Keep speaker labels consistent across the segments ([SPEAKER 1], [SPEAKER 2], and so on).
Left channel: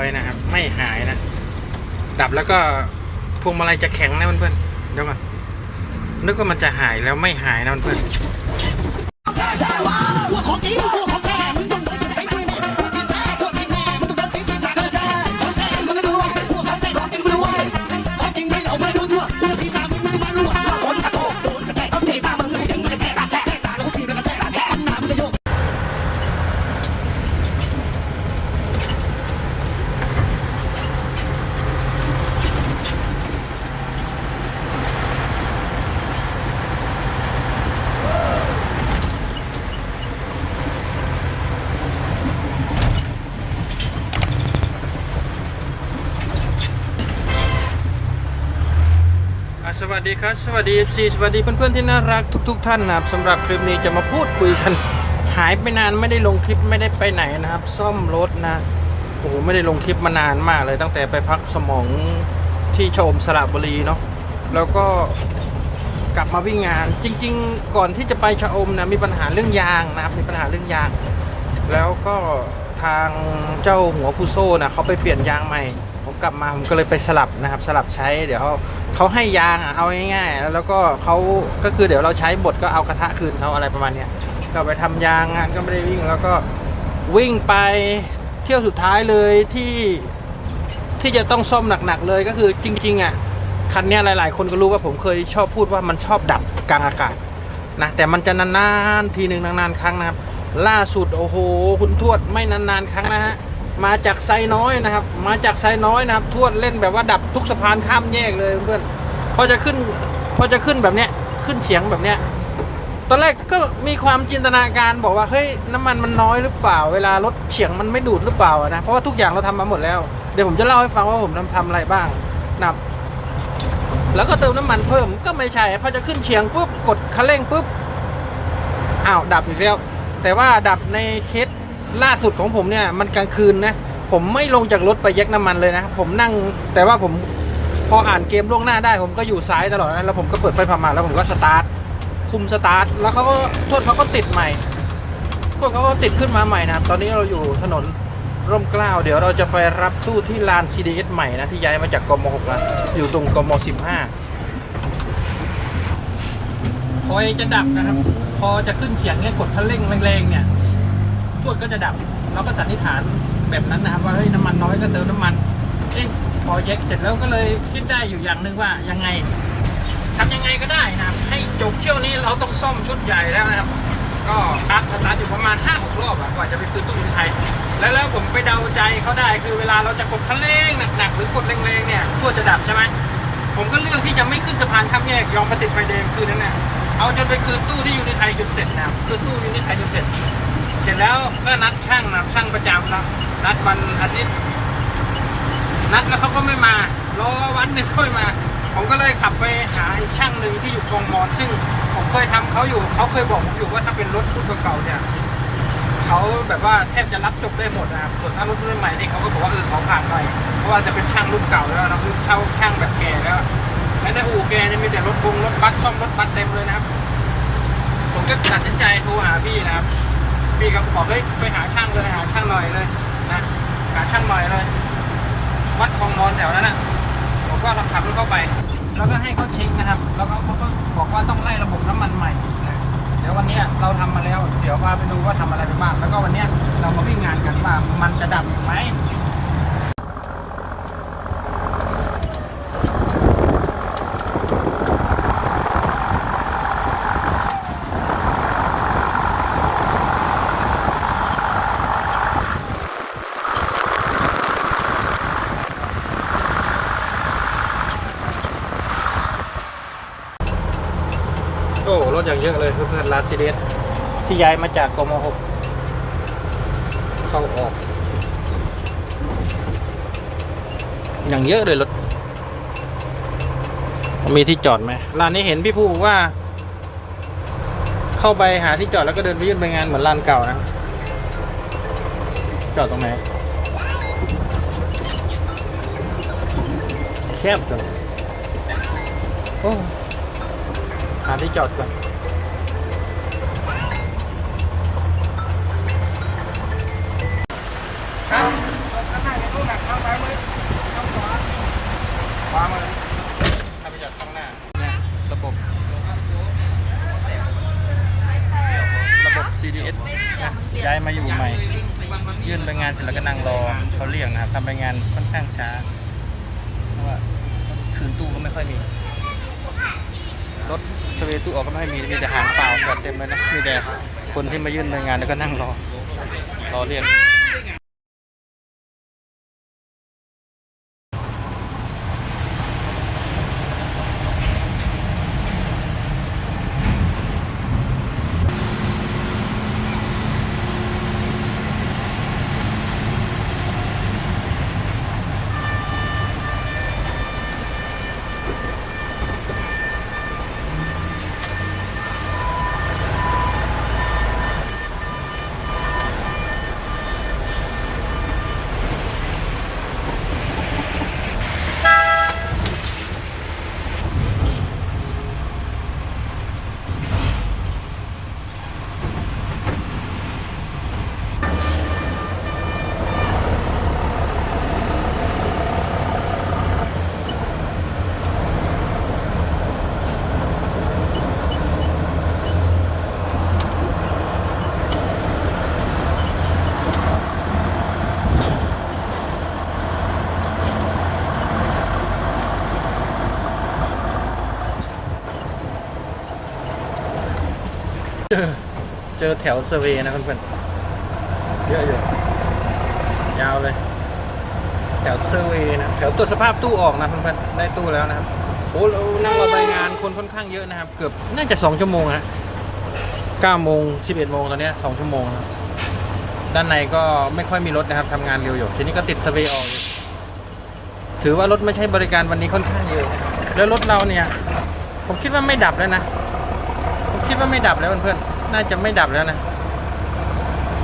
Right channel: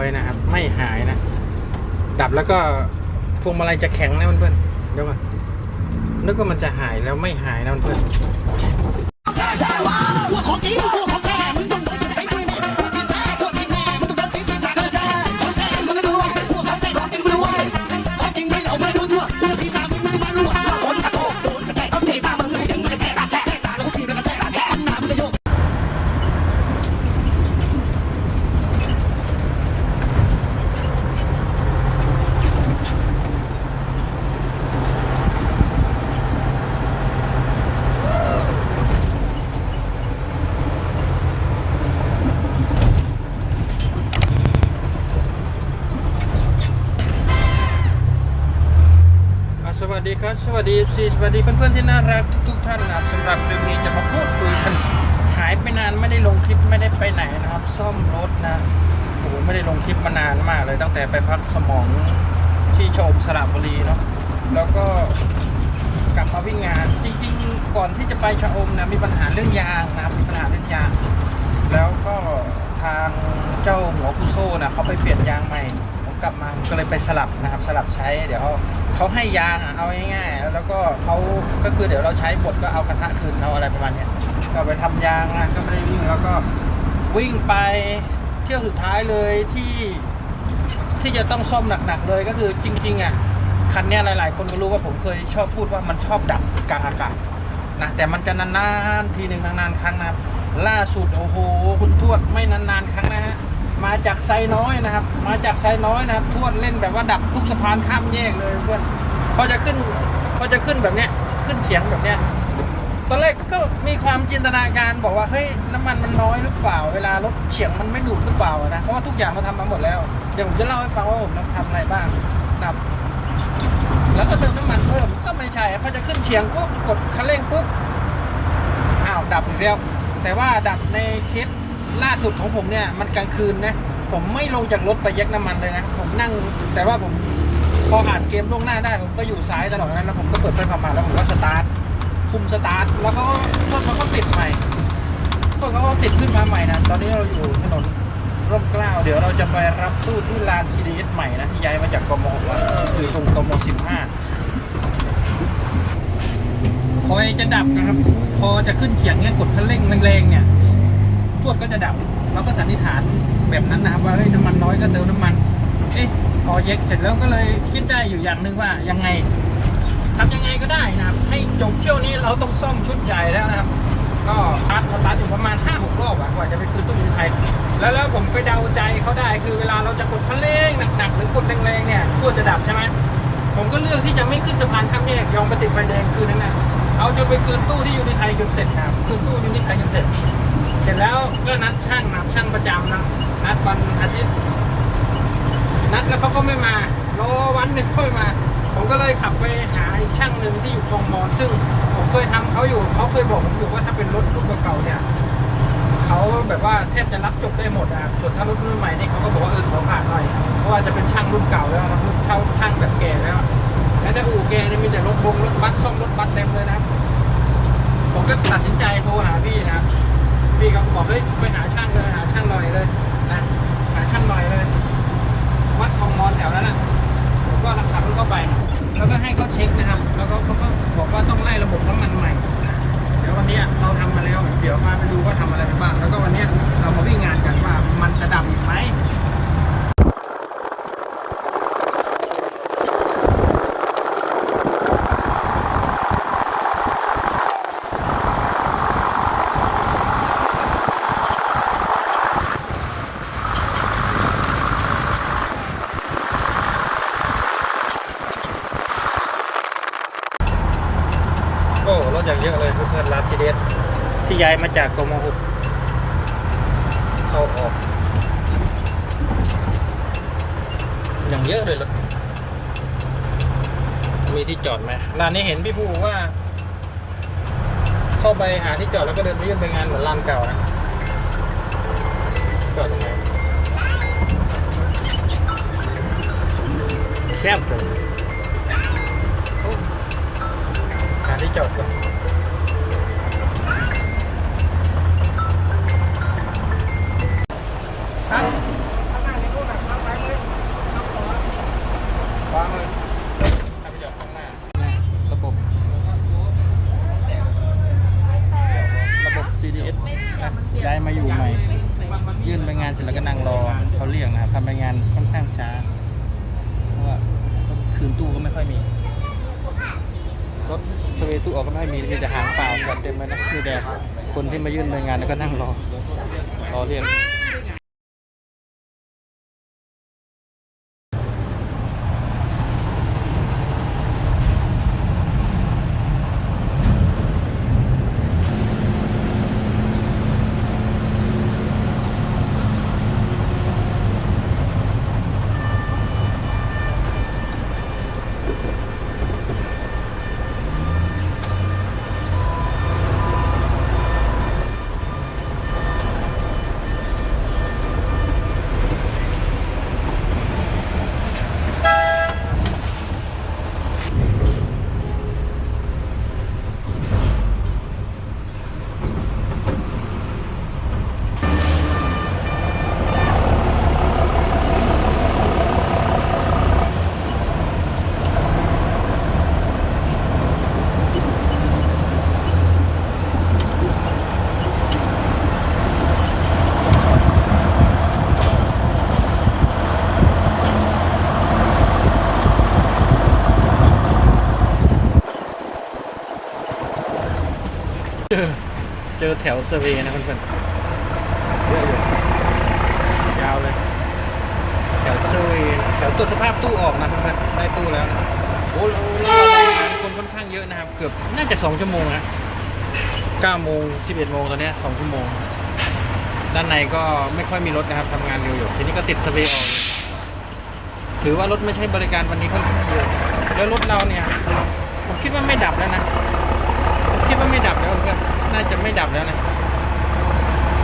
[SPEAKER 1] อยนะครับ ไม่หายนะ ดับแล้วก็พวงมาลัยจะแข็งนะเพื่อนๆเดี๋ยวก่อนนึกว่ามันจะหายแล้วไม่หายนะเพื่อนๆ
[SPEAKER 2] สวั
[SPEAKER 1] สดีครับ สวัสดี FC สวัสดีเพื่อนๆที่น่ารักทุก ๆ ท่านนะครับสำหรับคลิปนี้จะมาพูดคุยกันหายไปนานไม่ได้ลงคลิปไม่ได้ไปไหนนะครับ ซ่อมรถนะโอ้โหไม่ได้ลงคลิปมานานมากเลยตั้งแต่ไปพักสมองที่โชมสระบุรีเนาะแล้วก็กลับมาวิ่งงานจริง ๆ ก่อนที่จะไปชะอมนะมีปัญหาเรื่องยางนะครับมีปัญหาเรื่องยาง แล้วก็ทางเจ้าหัวฟูโซ่นะเขาไปเปลี่ยนยางใหม่ กลับมาผมก็เลยไปสลับนะครับสลับใช้เดี๋ยวเขาเขาให้ยางอะเอาง่ายๆแล้วก็เขาก็คือเดี๋ยวเราใช้บดก็เอากระทะคืนเอาอะไรประมาณเนี้ยก็ไปทำยางอะก็ไม่ได้วิ่งแล้วก็วิ่งไปเที่ยวสุดท้ายเลยที่ที่จะต้องซ่อมหนักๆเลยก็คือจริงๆอะคันนี้หลายๆ คนก็รู้ว่าผมเคยชอบพูดว่ามันชอบดับกลางอากาศนะแต่มันจะนานๆทีหนึ่งนานๆครั้งนะครับล่าสุดโอ้โห คุณทวดไม่นานๆครั้งนะฮะ มาจากไซน้อยนะครับ มาจากไซน้อยนะครับ ทวดเล่นแบบว่าดับทุกสะพานข้ามแยกเลยเพื่อนพอจะขึ้นพอจะขึ้นแบบเนี้ยขึ้นเฉียงแบบเนี้ยตอนแรกก็มีความจินตนาการบอกว่าเฮ้ยน้ำมันมันน้อยหรือเปล่า เวลารถเฉียงมันไม่ดูดหรือเปล่านะเพราะว่าทุกอย่างเราทำมาหมดแล้วเดี๋ยวผมจะเล่าให้ฟังว่าผมทำอะไรบ้างนับ แล้วก็เติมน้ำมันเพิ่มก็ไม่ใช่พอจะขึ้นเฉียงปุ๊บกดคันเร่งปุ๊บอ้าวดับอีกแล้วแต่ว่าดับในเคส ล่าสุดของผมเนี่ยมันกลางคืนนะผมไม่ลงจากรถไปแยกน้ำมันเลยนะ ผมนั่งแต่ว่าผมพออ่านเกมล่วงหน้าได้ ผมก็อยู่ซ้ายตลอดนะแล้วผมก็เปิดไฟผ่ามาแล้วผมก็สตาร์ทคุมสตาร์ทแล้วเขาก็พวเขาก็ติดใหม่พวกเขาก็ติดขึ้นมาใหม่นะตอนนี้เราอยู่ถนนร่มเกล้าเดี๋ยวเราจะไปรับตู้ที่ลาน CDS ใหม่นะที่ย้ายมาจากกม6แล้วอยู่ตรงกม15พอจะดับนะครับ พอจะขึ้นเฉียงเนี่ยกดคันเร่งแรงๆเนี่ย ทวดก็จะดับ เราก็สันนิษฐานแบบนั้นนะครับว่าเฮ้ยน้ำมันน้อยก็เติมน้ำมันเอ๊ะพอเย็กเสร็จแล้วก็เลยคิดได้อยู่อย่างหนึ่งว่ายังไงทำยังไงก็ได้นะครับ ให้จบเที่ยวนี้เราต้องซ่อมชุดใหญ่แล้วนะครับ ก็สตาร์ทสตาร์ทอยู่ประมาณ 5 6 รอบอะกว่าจะไปคืนตู้ยินไทย แล้วแล้วผมไปเดาใจเขาได้คือเวลาเราจะกดคันเร่งหนักๆหรือกดแรงๆเนี่ยทวดจะดับใช่ไหมผมก็เลือกที่จะไม่ขึ้นสะพานข้ามแยกยอมไปติดไฟแดงคืนนั้นนะเอาจนไปคืนตู้ที่ยู่ในไทยจนเสร็จนะครับคืนตู้ยู่ในไทยจนเสร็จ ร็จแล้วก็นัดช่างนะช่างประจำนะนัดวันอาทิตย์นัดแล้วเขาก็ไม่มารอวันหนึ่งก็ไม่มา ผมก็เลยขับไปหาอีกช่างหนึ่งที่อยู่คลองมอน ซึ่งผมเคยทำเขาอยู่เขาเคยบอกผมอยู่ว่าถ้าเป็นรถรุ่นเก่าเนี่ยเขาแบบว่าแทบจะรับจบได้หมดนะครับส่วนถ้ารถรุ่นใหม่เนี่ยเขาก็บอกว่าเออขอผ่านหน่อยเพราะว่าจะเป็นช่างรุ่นเก่าแล้วนะรุ่นเช่าช่างแบบแก่แล้วและในอู่แกเนี่ยมีแต่รถบงรถบัสซ่อมรถบัสเต็มเลยนะครับ ผมก็ตัดสินใจโทรหาพี่นะครับ พี่ก็บอกเฮ้ยไปหาช่างเลยหาช่างหน่อยเลยนะหาช่างหน่อยเลย วัดคลองมอนแถวนั้นนะผมก็ขับรถเข้าไป แล้วก็ให้เขาเช็คนะครับ แล้วก็เขาก็บอกว่าต้องไล่ระบบน้ำมันใหม่นะเดี๋ยววันนี้เราทำมาแล้ว เดี๋ยวพาไปดูว่าทำอะไรไปบ้าง แล้วก็วันนี้เรามาวิ่งงานกันว่ามันจะดับอีกไหม โอ้รถอย่างเยอะเลยเพื่อนๆลาซิเดสที่ย้ายมาจากกมหกเข้าออกอย่างเยอะเลยรถ มีที่จอดไหมร้านนี้เห็นพี่ผู้บอกว่า เข้าไปหาที่จอดแล้วก็เดินไปยื่นไปงานเหมือนร้านเก่านะ จอดตรงไหนแคบจังโอ้หาที่จอดก่อน ยื่นไปงานเสร็จแล้วก็นั่งรอเขาเรียกนะครับทำไปงานค่อนข้างช้า เพราะว่ารถคืนตู้ก็ไม่ค่อยมี รถสเวตู้ออกก็ไม่ค่อยมีมีแต่หางเปล่าจอดเต็มเลยนะมีแต่คนที่มายื่นไปงานแล้วก็นั่งรอรอเรียก เจอเจอแถวเซอร์เวย์นะเพื่อนๆเยอะอยู่ยาวเลย แถวเซอร์เวย์นะแถวตรวจสภาพตู้ออกนะเพื่อนๆได้ตู้แล้วนะครับโอ้เราเรารายงานคนค่อนข้างเยอะนะครับ เกือบน่าจะสองชั่วโมงนะเก้าโมงสิบเอ็ดโมงตอนเนี้ยสองชั่วโมง ด้านในก็ไม่ค่อยมีรถนะครับทำงานเร็วอยู่ทีนี้ก็ติดเซอร์เวย์ออกอยู่ถือว่ารถไม่ใช่บริการวันนี้ค่อนข้างเยอะแล้วรถเราเนี่ย ผมคิดว่าไม่ดับแล้วนะผม คิดว่าไม่ดับแล้วเพื่อนน่าจะไม่ดับแล้วนะ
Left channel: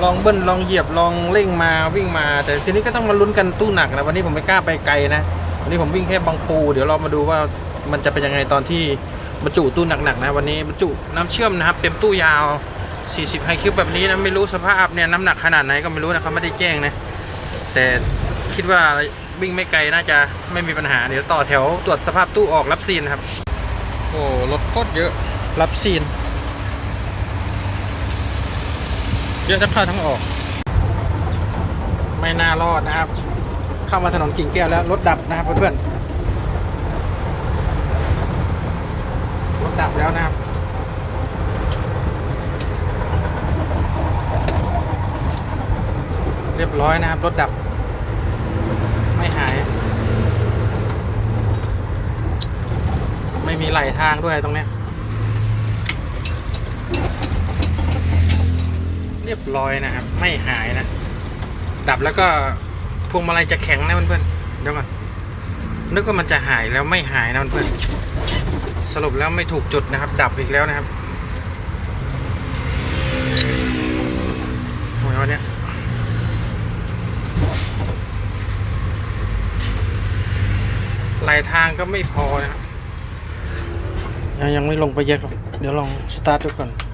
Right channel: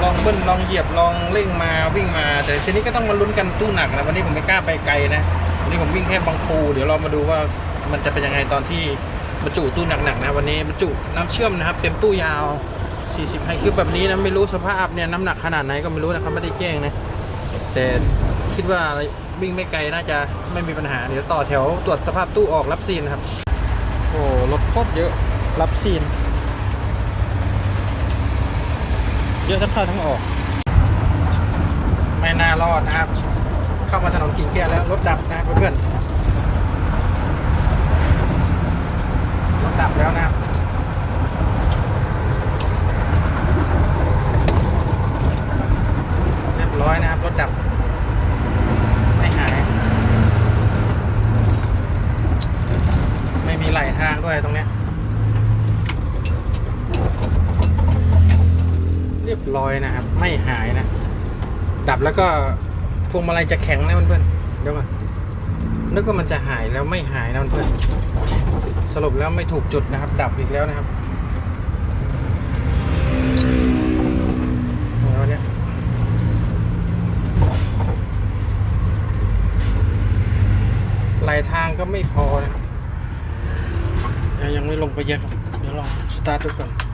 [SPEAKER 1] ลองเบิ้ลลองเหยียบลองเร่งมาวิ่งมา แต่ทีนี้ก็ต้องมาลุ้นกันตู้หนักนะวันนี้ผมไม่กล้าไปไกลนะวันนี้ผมวิ่งแค่บางปูเดี๋ยวเรามาดูว่ามันจะเป็นยังไงตอนที่บรรจุตู้หนักๆนะวันนี้บรรจุน้ำเชื่อมนะครับ เต็มตู้ยาว 40ไฮคิวแบบนี้นะไม่รู้สภาพเนี่ยน้ำหนักขนาดไหนก็ไม่รู้นะเขาไม่ได้แจ้งนะแต่คิดว่าวิ่งไม่ไกลน่าจะไม่มีปัญหาเดี๋ยวต่อแถวตรวจสภาพตู้ออกรับซีนครับ โอ้รถโคตรเยอะรับซีน เยอะทั้งเข้าทั้งออก ไม่น่ารอดนะครับ เข้ามาถนนกิ่งแก้วแล้วรถดับนะครับเพื่อนๆรถดับแล้วนะครับเรียบร้อยนะครับรถดับ ไม่หาย ไม่มีไหลทางด้วยตรงเนี้ย เรียบร้อยนะครับ ไม่หายนะ ดับแล้วก็พวงมาลัยจะแข็งนะเพื่อนๆเดี๋ยวก่อนนึกว่ามันจะหายแล้วไม่หายนะเพื่อนๆสรุปแล้วไม่ถูกจุดนะครับ ดับอีกแล้วนะครับโอ้ยวันเนี้ยไหลทางก็ไม่พอนะครับยังไม่ลงไปเยอะหรอกเดี๋ยวลองสตาร์ทดูก่อน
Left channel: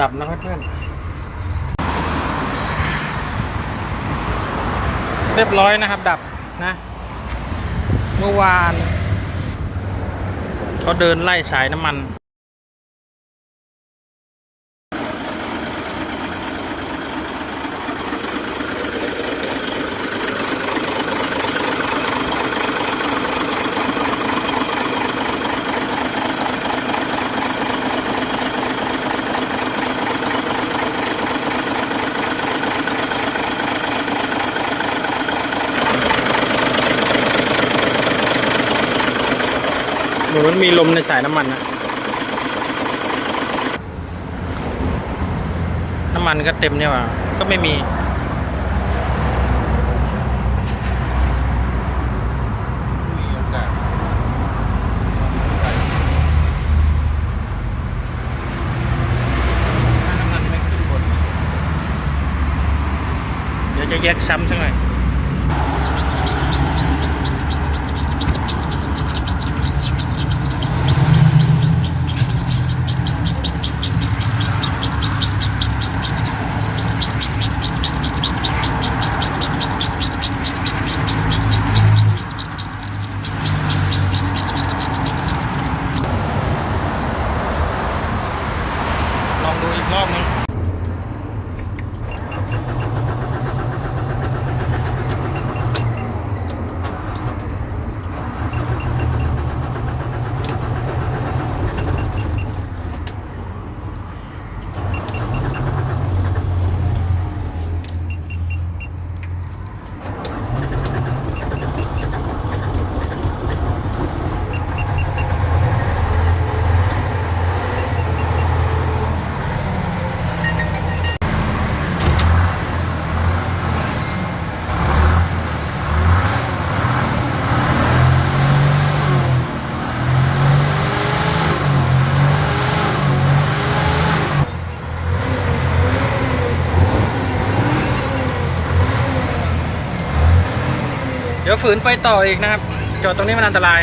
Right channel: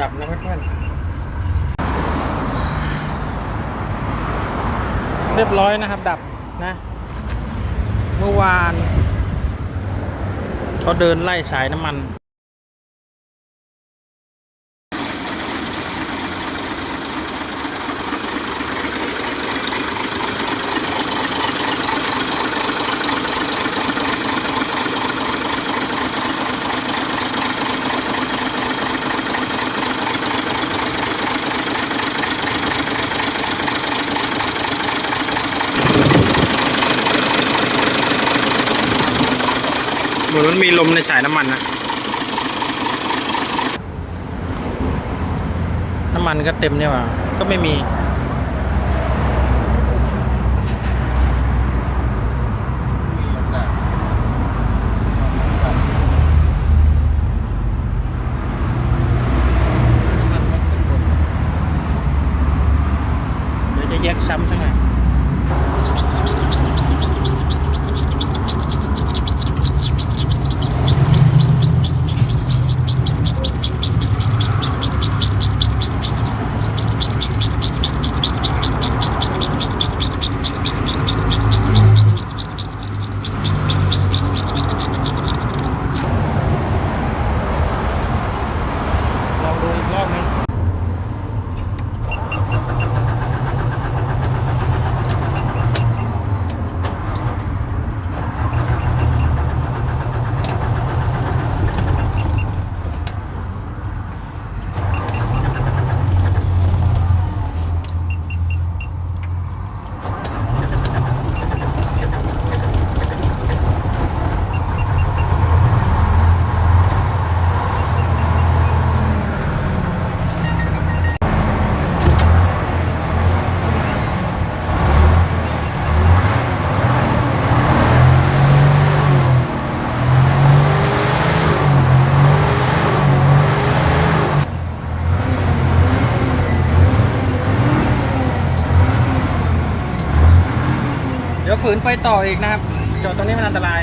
[SPEAKER 1] ดับนะครับเพื่อน เรียบร้อยนะครับ ดับนะ เมื่อวาน เขาเดินไล่สายน้ำมัน มันมีลมในสายน้ำมันนะ น้ำมันก็เต็มเนี่ยว่ะก็ไม่มี เดี๋ยวจะแยกซ้ำสักหน่อย ฝืนไปต่ออีกนะครับ จอดตรงนี้มันอันตราย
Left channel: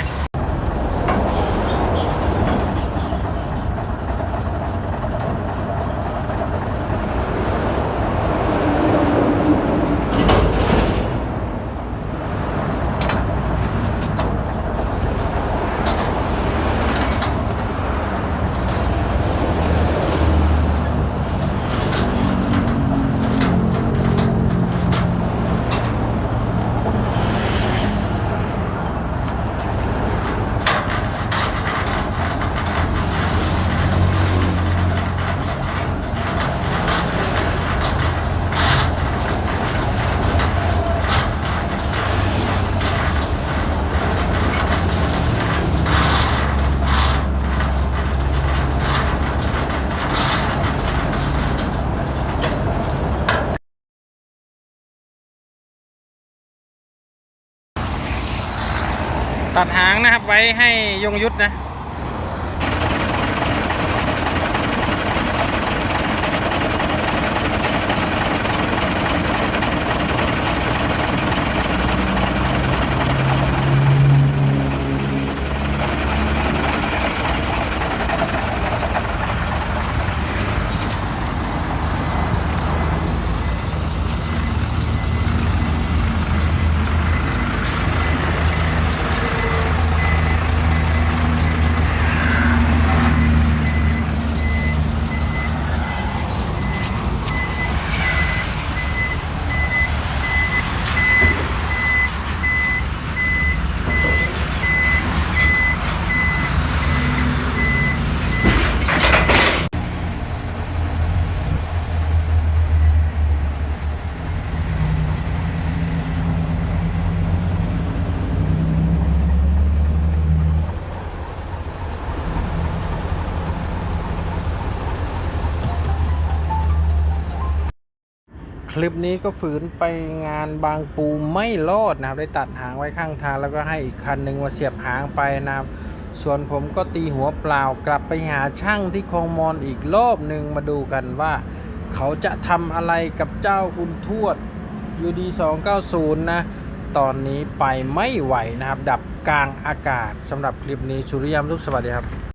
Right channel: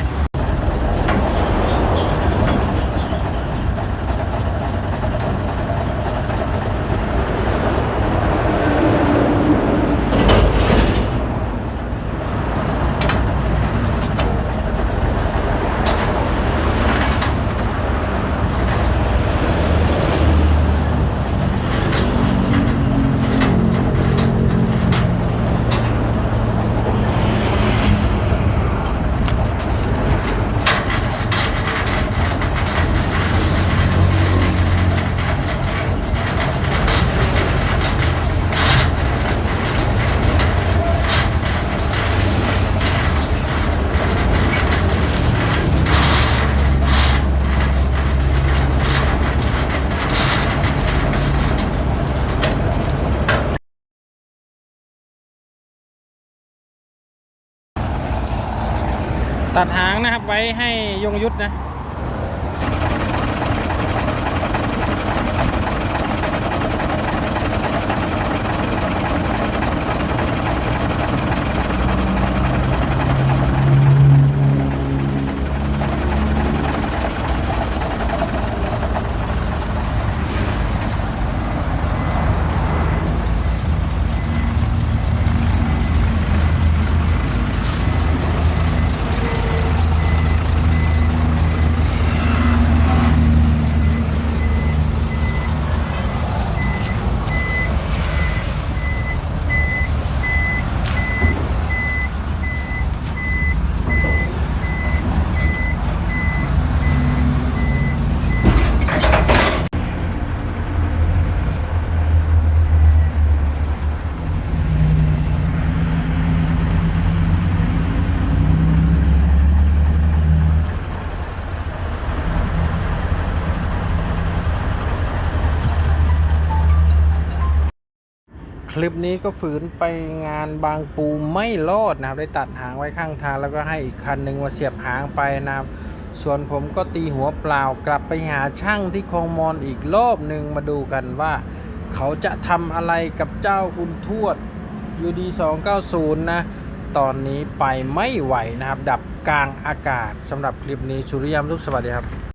[SPEAKER 1] งนะครับไว้ให้ยงยุทธนะ คลิปนี้ก็ฝืนไปงานบางปูไม่รอดนะครับ ได้ตัดหางไว้ข้างทางแล้วก็ให้อีกคันหนึ่งมาเสียบหางไปนะครับส่วนผมก็ตีหัวเปล่ากลับไปหาช่างที่คลองมอนอีกรอบหนึ่งมาดูกันว่า เขาจะทำอะไรกับเจ้าคุณทวด UD 290 นะ ตอนนี้ไปไม่ไหวนะครับ ดับกลางอากาศสำหรับคลิปนี้สุริยามทุกสวัสดีครับ